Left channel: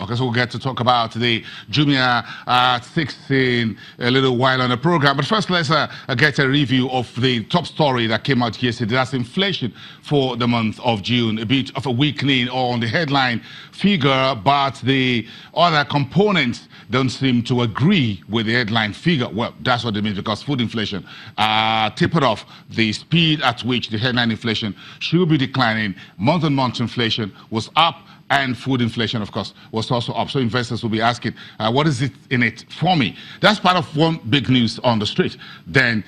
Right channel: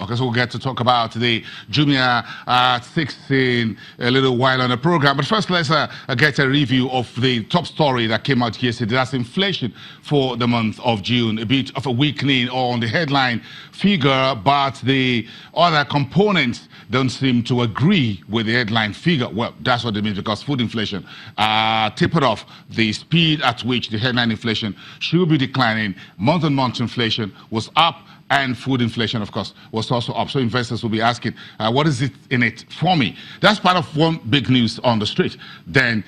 Okay, so we'll get to talk about the Jumia 6 in a little while on the program. But first, let's get a review of the top story that came out yesterday. That's inflation for the month of June. A bit of a weakening on the headline figure, but the other components don't seem to agree with the headline figure. Well, that's what it means, because food inflation tapered off the speed at which the headline inflation should be declining. Month-on-month inflation was up, and food inflation, of course, was also up. So investors will be asking, what is it in it for me? That's part of one big news on the street. Then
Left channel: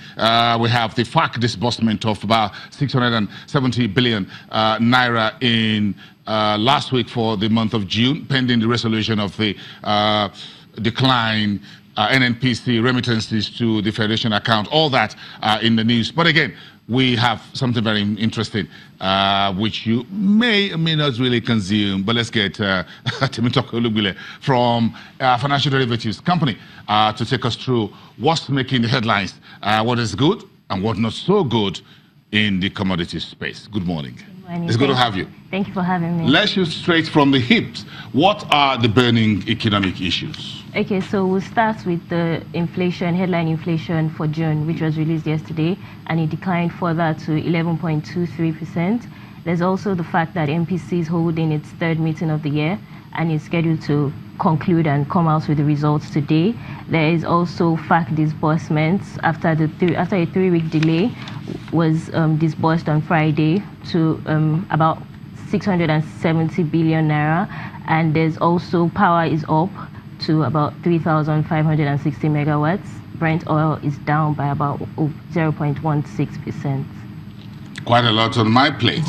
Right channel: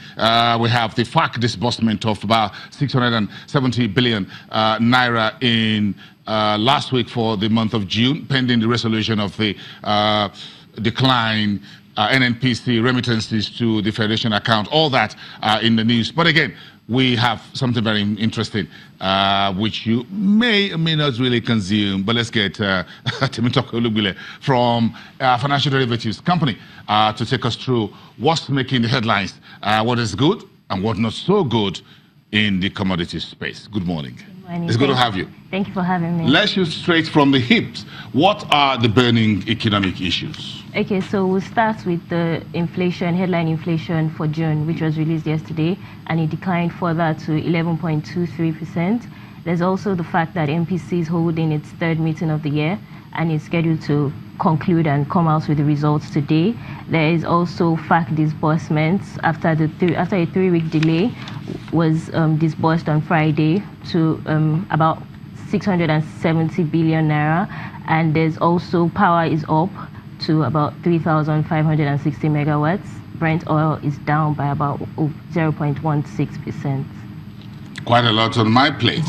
we have the FAC disbursement of about 670 billion naira in last week for the month of June, pending the resolution of the decline NNPC remittances to the Federation account. All that in the news. But again, we have something very interesting, which you may or may not really consume. But let's get Temitope Olugbile from Financial Derivatives Company to take us through what's making the headlines, what is good and what not so good in the commodities space. Good morning. It's good to have you. Thank you for having me. Let's shoot straight from the hips. What are the burning economic issues? Okay, so we'll start with the inflation, headline inflation for June, which was released yesterday, and it declined further to 11.23%. There's also the fact that MPC is holding its third meeting of the year and is scheduled to conclude and come out with the results today. There is also FAC disbursements after a 3-week delay was disbursed on Friday to about 670 billion naira, and there's also power is up to about 3,560 megawatts. Brent oil is down by about 0.16%. Quite a lot on my plate.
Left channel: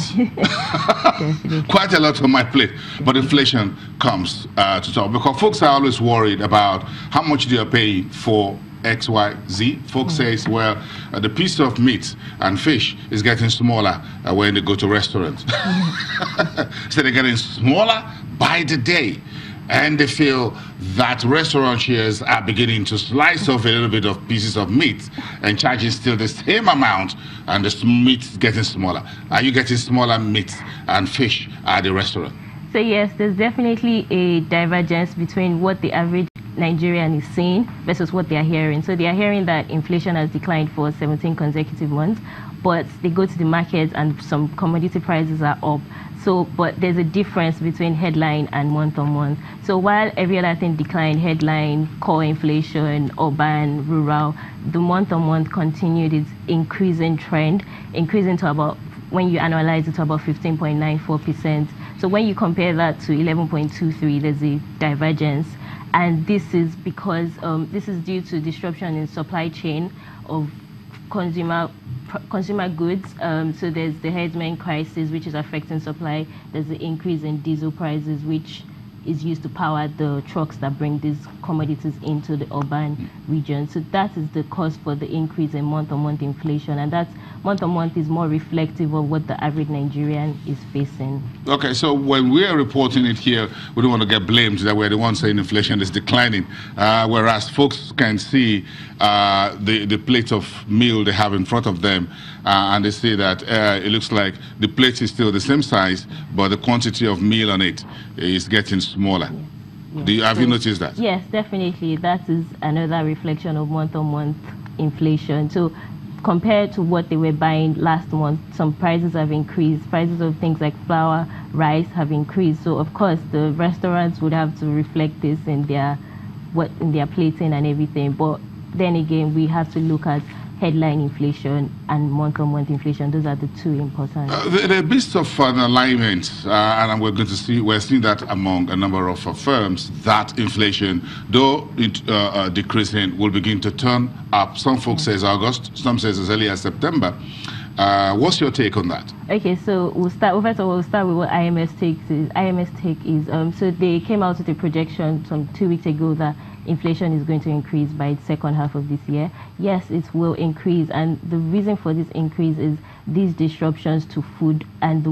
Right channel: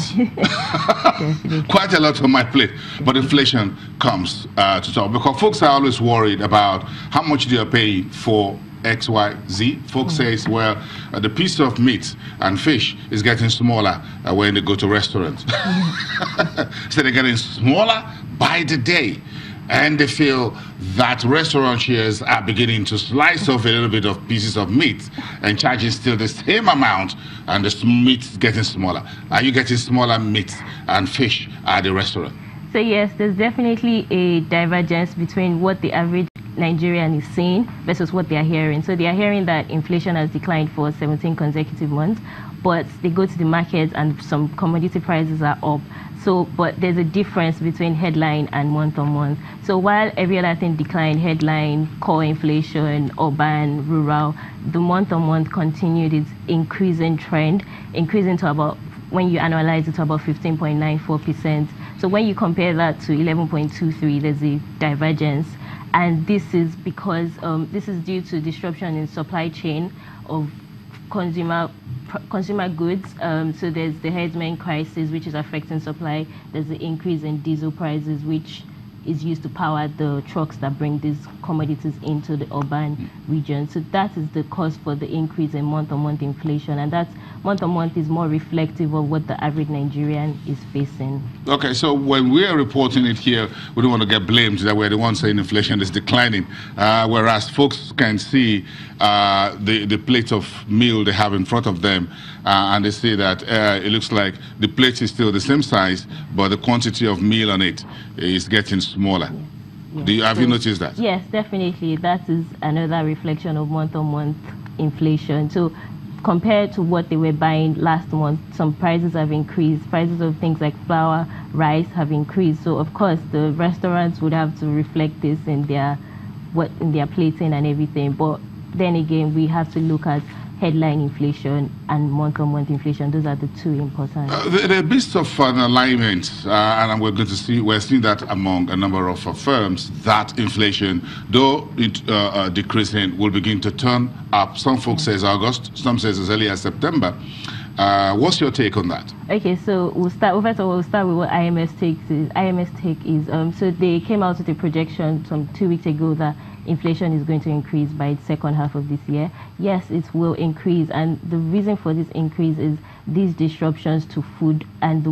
Quite a lot on my plate. But inflation comes to talk, because folks are always worried about how much they are paying for XYZ. Folks says, well, the piece of meat and fish is getting smaller when they go to restaurants. So they're getting smaller by the day. And they feel that restaurant shares are beginning to slice off a little bit of pieces of meat and charging still the same amount, and the meat is getting smaller. Are you getting smaller meat and fish at the restaurant? So yes, there's definitely a divergence between what the average Nigerian is saying versus what they are hearing. So they are hearing that inflation has declined for 17 consecutive months, but they go to the market and some commodity prices are up. So, but there's a difference between headline and month-on-month. So while every other thing declined, headline, core inflation, urban, rural, the month-on-month continued its increasing trend, increasing to about, when you analyze it, to about 15.94%. So when you compare that to 11.23, there's a divergence. And this is because this is due to disruption in supply chain of consumer goods. So there's the herdsmen crisis, which is affecting supply. There's the increase in diesel prices, which is used to power the trucks that bring these commodities into the urban region. So that is the cause for the increase in month-on-month inflation, and that month-on-month is more reflective of what the average Nigerian is facing. Okay, so when we are reporting it here, we don't want to get blamed that we're the ones saying inflation is declining, whereas folks can see the plate of meal they have in front of them, and they see that it looks like the plate is still the same size, but the quantity of meal on it is getting smaller. Yes. Have you noticed that? Yes, definitely. That is another reflection of month-on-month inflation. So compared to what they were buying last month, some prices have increased. Prices of things like flour, rice have increased. So of course the restaurants would have to reflect this in their plating and everything. But then again, we have to look at headline inflation and month-on-month inflation. Those are the two important. There are bits of an alignment, and we're seeing that among a number of firms, that inflation, though it decreasing, will begin to turn up. Some folks says August, some says as early as September. What's your take on that? Okay, so we'll start with what IMF take is. So they came out with a projection some 2 weeks ago that inflation is going to increase by the second half of this year. Yes, it will increase, and the reason for this increase is these disruptions to food and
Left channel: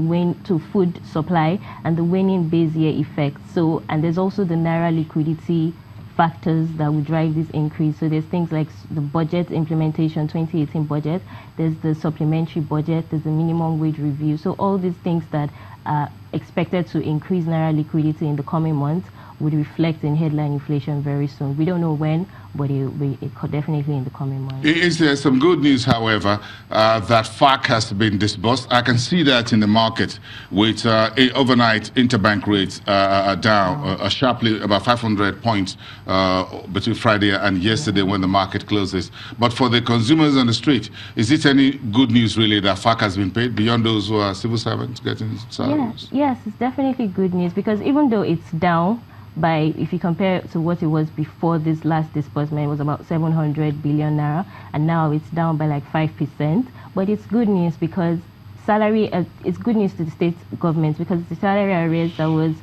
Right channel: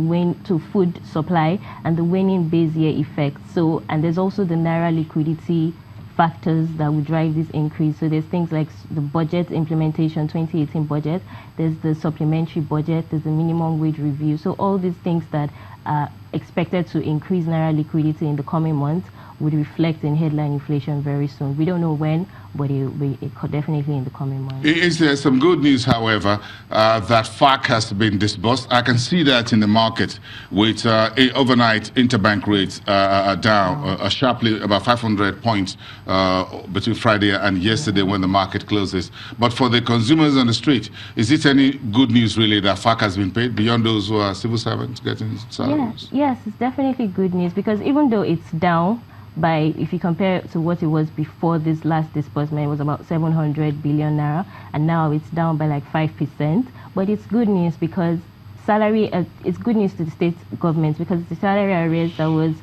food supply and the waning base year effect. So, and there's also the naira liquidity factors that will drive this increase. So there's things like the budget implementation, 2018 budget, there's the supplementary budget, there's the minimum wage review. So all these things that are expected to increase naira liquidity in the coming months would reflect in headline inflation very soon. We don't know when, but it could definitely in the coming months. Is there some good news, however, that FAC has been disbursed? I can see that in the market with overnight interbank rates are down sharply, about 500 points between Friday and yesterday when the market closes. But for the consumers on the street, is it any good news really that FAC has been paid beyond those who are civil servants getting salaries? Yes, it's definitely good news, because even though it's down by, if you compare it to what it was before this last disbursement, it was about 700 billion naira, and now it's down by like 5%. But it's good news because it's good news to the state governments, because the salary arrears that was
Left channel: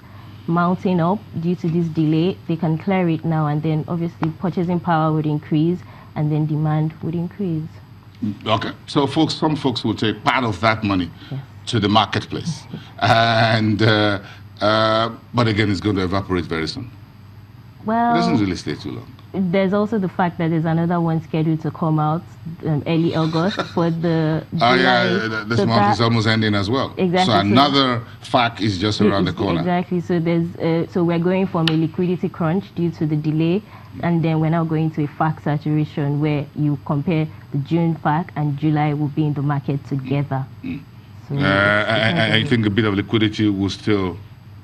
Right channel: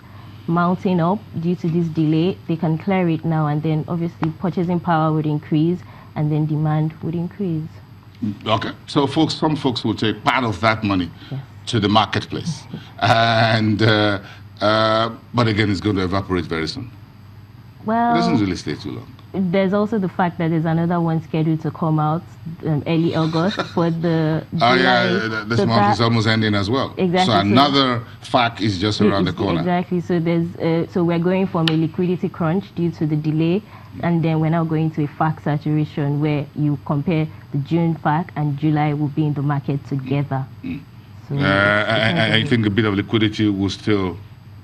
mounting up due to this delay, they can clear it now, and then obviously purchasing power would increase, and then demand would increase. Okay, so some folks will take part of that money to the marketplace, and but again, it's going to evaporate very soon. Well, it doesn't really stay too long. There's also the fact that there's another one scheduled to come out early August for the July. Oh yeah, this month is almost ending as well. Exactly. So another FAC is just around the corner. Exactly. So there's so we're going from a liquidity crunch due to the delay, and then we're now going to a FAC saturation where you compare the June FAC and July will be in the market together. So I think a bit of liquidity will still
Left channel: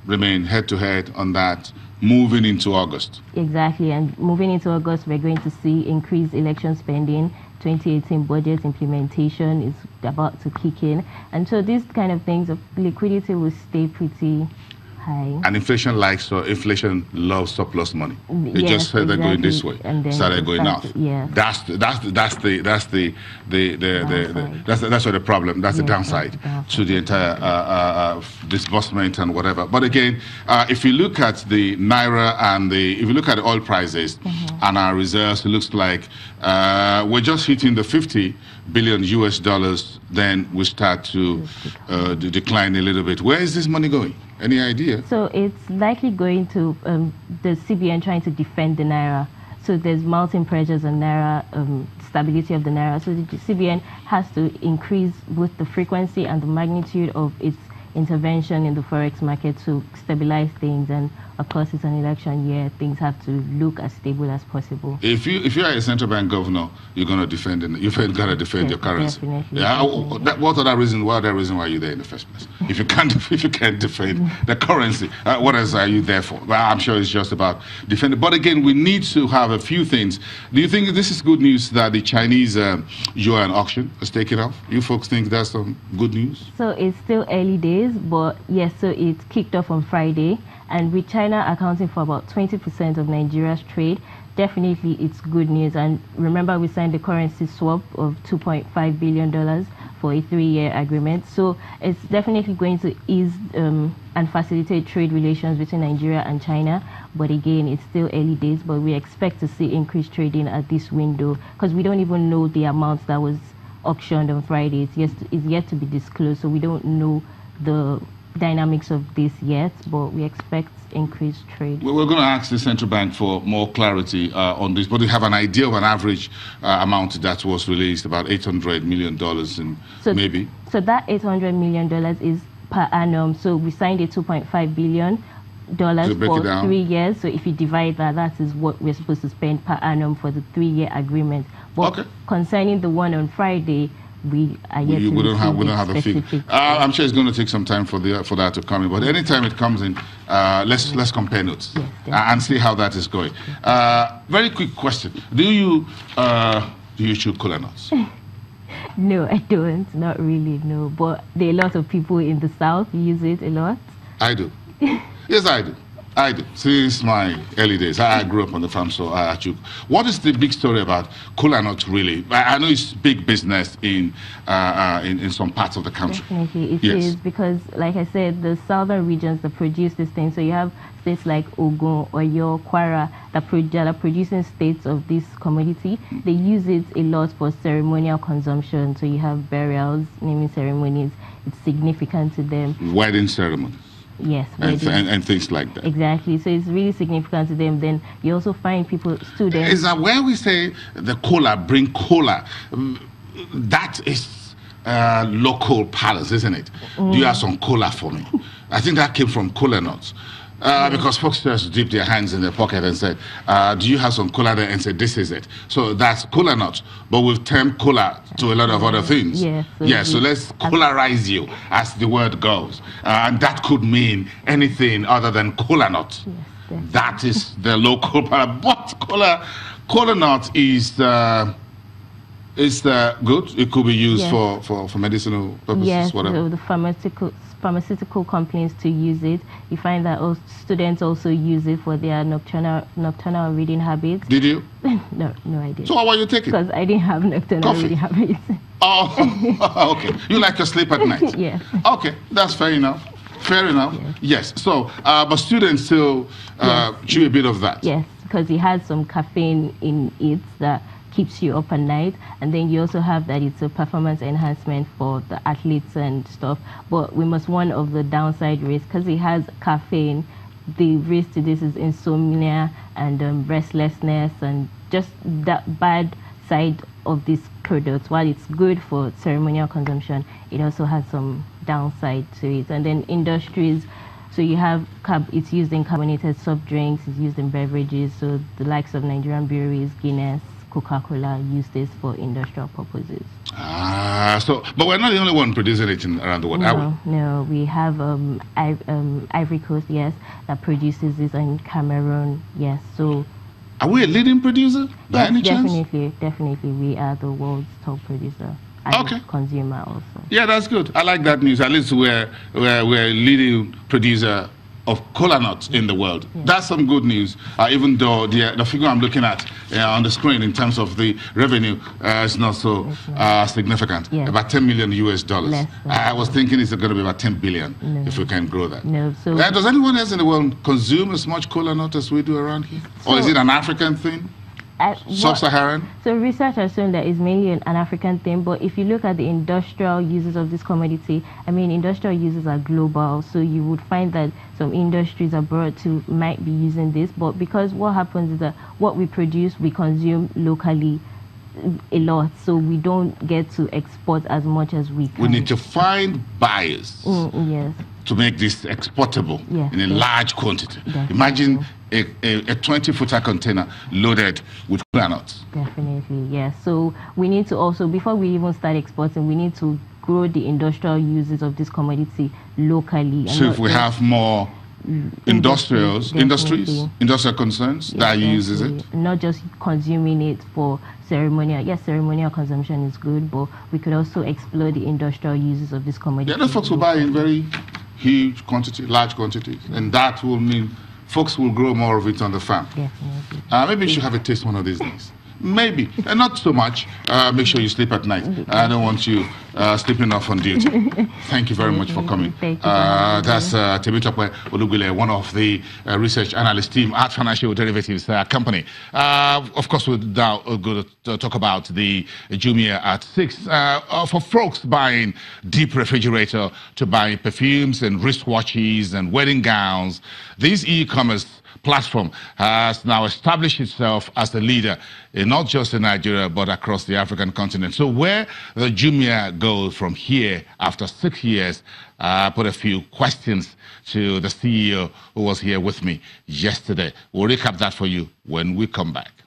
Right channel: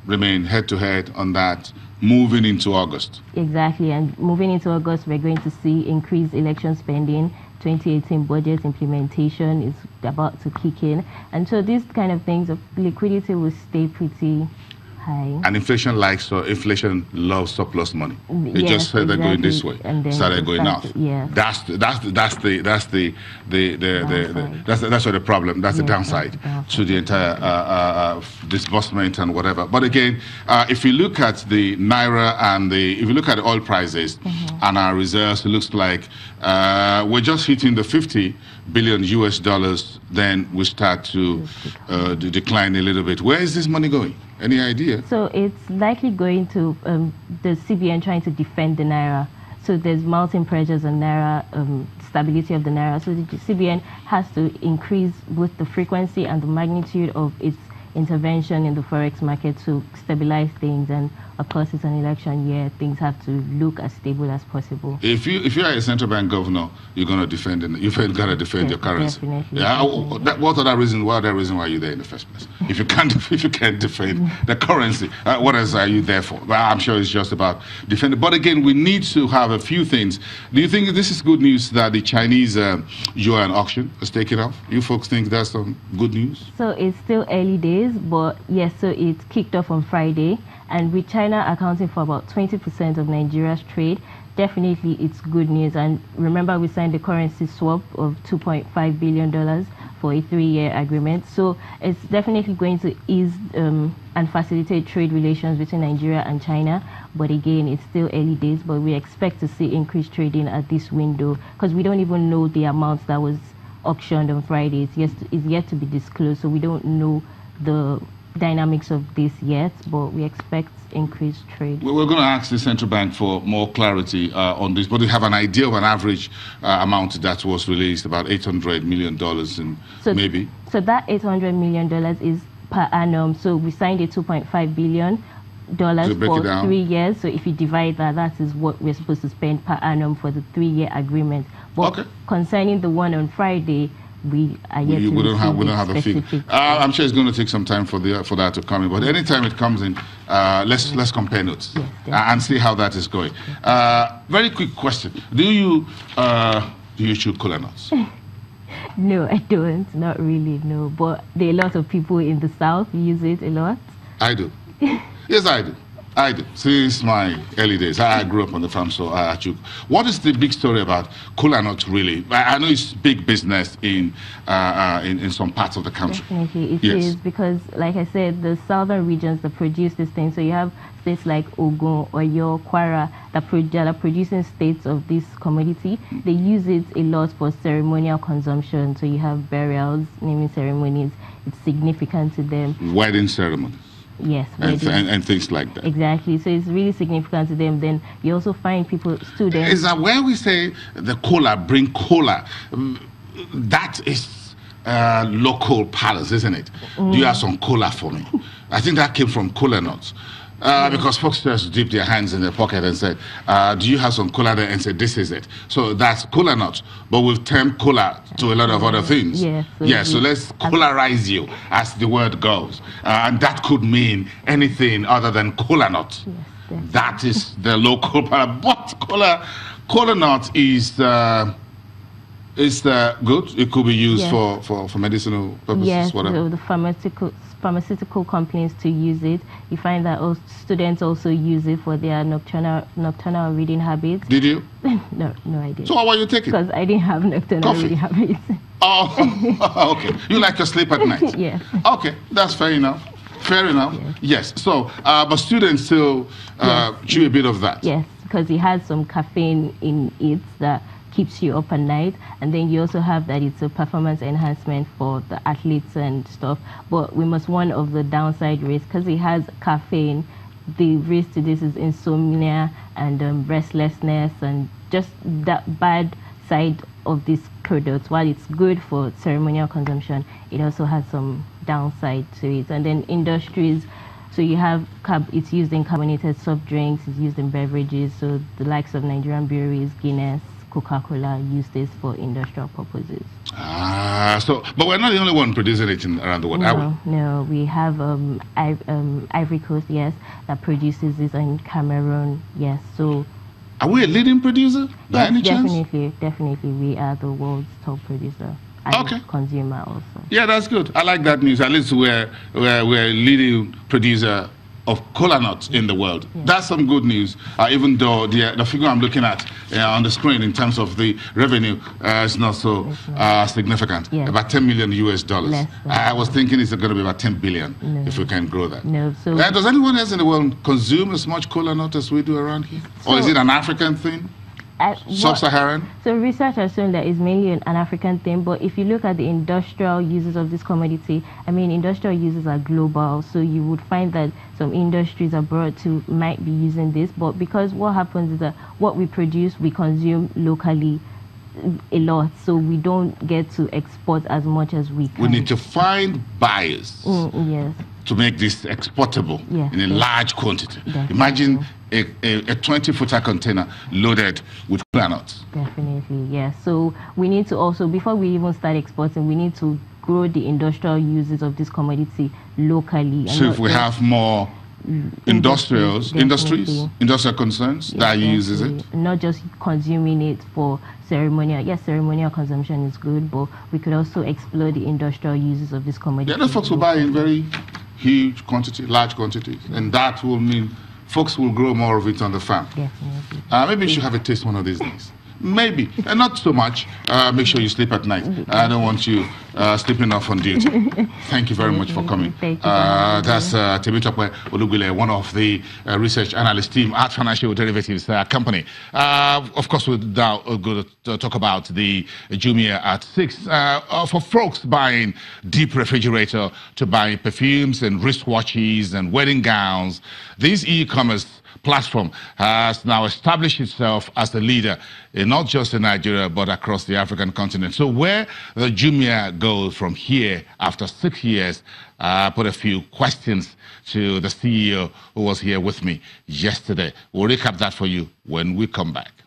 remain head-to-head on that moving into August. Exactly, and moving into August, we're going to see increased election spending. 2018 budget implementation is about to kick in, and so these kind of things of liquidity will stay pretty high. And inflation loves surplus money. It just started going this way, and started going out. Yeah, that's the problem. That's the downside to the entire disbursement and whatever. But again, if you look at the naira and if you look at the oil prices and our reserves, it looks like we're just hitting the 50 billion US dollars. Then we start to decline a little bit. Where is this money going? Any idea? So it's likely going to the CBN trying to defend the naira. So there's mounting pressures on naira, stability of the naira. So the CBN has to increase both the frequency and the magnitude of its intervention in the forex market to stabilize things. And of course, it's an election year; things have to look as stable as possible. If you are a central bank governor, you're going to defend it. You've got to defend your currency. Definitely. Yeah. What other reason? What other reason why you're there in the first place? If you can't defend the currency, what else are you there for? Well, I'm sure it's just about defending. But again, we need to have a few things. Do you think this is good news that the Chinese yuan auction has taken off? You folks think that's some good news? So it's still early days. But yes, so it kicked off on Friday, and with China accounting for about 20% of Nigeria's trade, definitely it's good news. And remember, we signed the currency swap of $2.5 billion for a 3-year agreement. So it's definitely going to ease and facilitate trade relations between Nigeria and China. But again, it's still early days, but we expect to see increased trading at this window, because we don't even know the amount that was auctioned on Friday. It's yet to be disclosed, so we don't know the dynamics of this yet, but we expect increased trade. Well, we're going to ask the central bank for more clarity on this, but we have an idea of an average amount that was released, about $800 million, and maybe. So that $800 million is per annum. So we signed a $2.5 billion for 3 years. So if you divide that, that is what we're supposed to spend per annum for the 3-year agreement. But concerning the one on Friday, we don't have a figure. I'm sure it's going to take some time for that to come in. But anytime it comes in, let's compare notes and see how that is going. Very quick question: Do you chew cola nuts? No, I don't. Not really. No, but there are a lot of people in the South who use it a lot. I do. Yes, I do. Since my early days. I grew up on the farm, so I chew. What is the big story about cola nuts, really? I know it's big business in some parts of the country. Definitely, it is, because, like I said, the southern regions that produce this thing. So you have states like Ogun, Oyo, Kwara that are producing states of this commodity. They use it a lot for ceremonial consumption. So you have burials, naming ceremonies. It's significant to them. Wedding ceremonies. Yes, and things like that. Exactly. So it's really significant to them. Then you also find students. Is that where we say the cola, bring cola? That is local palace, isn't it? Do you have some cola for me? I think that came from cola nuts. Because folks just dip their hands in their pocket and say, do you have some cola there? And say, this is it. So that's cola nut, but we've termed cola to a lot of other things. So let's colarize you, as the word goes. And that could mean anything other than cola nut. That is the local part. But cola nut is good. It could be used for medicinal purposes, whatever. So the pharmaceutical companies to use it. You find that students also use it for their nocturnal reading habits. Did you? No, I didn't. So what were you taking? Because I didn't have nocturnal reading habits. Oh, okay. You like to sleep at night? Yes. Okay, that's fair enough. Fair enough. Yes. So, but students still chew a bit of that. Yes, because it has some caffeine in it that keeps you up at night, and then you also have that it's a performance enhancement for the athletes and stuff. But we must warn of the downside risk, because it has caffeine. The risk to this is insomnia and restlessness, and just that bad side of this product. While it's good for ceremonial consumption, it also has some downside to it. And then industries, so you have it's used in carbonated soft drinks, it's used in beverages, so the likes of Nigerian breweries, Guinness, Coca-Cola use this for industrial purposes. But we're not the only one producing it around the world, No, we have Ivory Coast, yes, that produces this, in Cameroon, yes. So are we a leading producer by any chance? Definitely, we are the world's top producer. And consumer also. Yeah, that's good. I like that news. At least we're a leading producer of cola nuts in the world. That's some good news, even though the figure I'm looking at on the screen in terms of the revenue is not so significant, about $10 million US. I was thinking it's going to be about 10 billion if we can grow that. So does anyone else in the world consume as much cola nut as we do around here? Or is it an African thing? Sub-Saharan? So research has shown that it's mainly an African thing, but if you look at the industrial uses of this commodity, I mean, industrial uses are global, so you would find that some industries abroad too might be using this, but because what happens is that what we produce, we consume locally a lot, so we don't get to export as much as we can. We need to find buyers to make this exportable in a large quantity. Imagine a 20-footer container loaded with cola nuts. Definitely, yes. So we need to also, before we even start exporting, we need to grow the industrial uses of this commodity locally. So if we have more industrial concerns that uses it, not just consuming it for ceremonial. Yes, ceremonial consumption is good, but we could also explore the industrial uses of this commodity. The other folks will buy in very huge quantity, large quantities, and that will mean folks will grow more of it on the farm. Definitely. Maybe you should have a taste one of these days. Maybe, and not so much. Make sure you sleep at night. I don't want you sleeping off on duty. Thank you very much for coming. Thank you. That's Temitope Olugule, one of the research analyst team at Financial Derivatives Company. Of course, we're now going to talk about the Jumia at 6. For folks buying deep refrigerator to buy perfumes and wristwatches and wedding gowns, this e-commerce platform has now established itself as a leader not just in Nigeria but across the African continent. So where the Jumia goes from here after 6 years, I put a few questions to the CEO who was here with me yesterday. We'll recap that for you when we come back.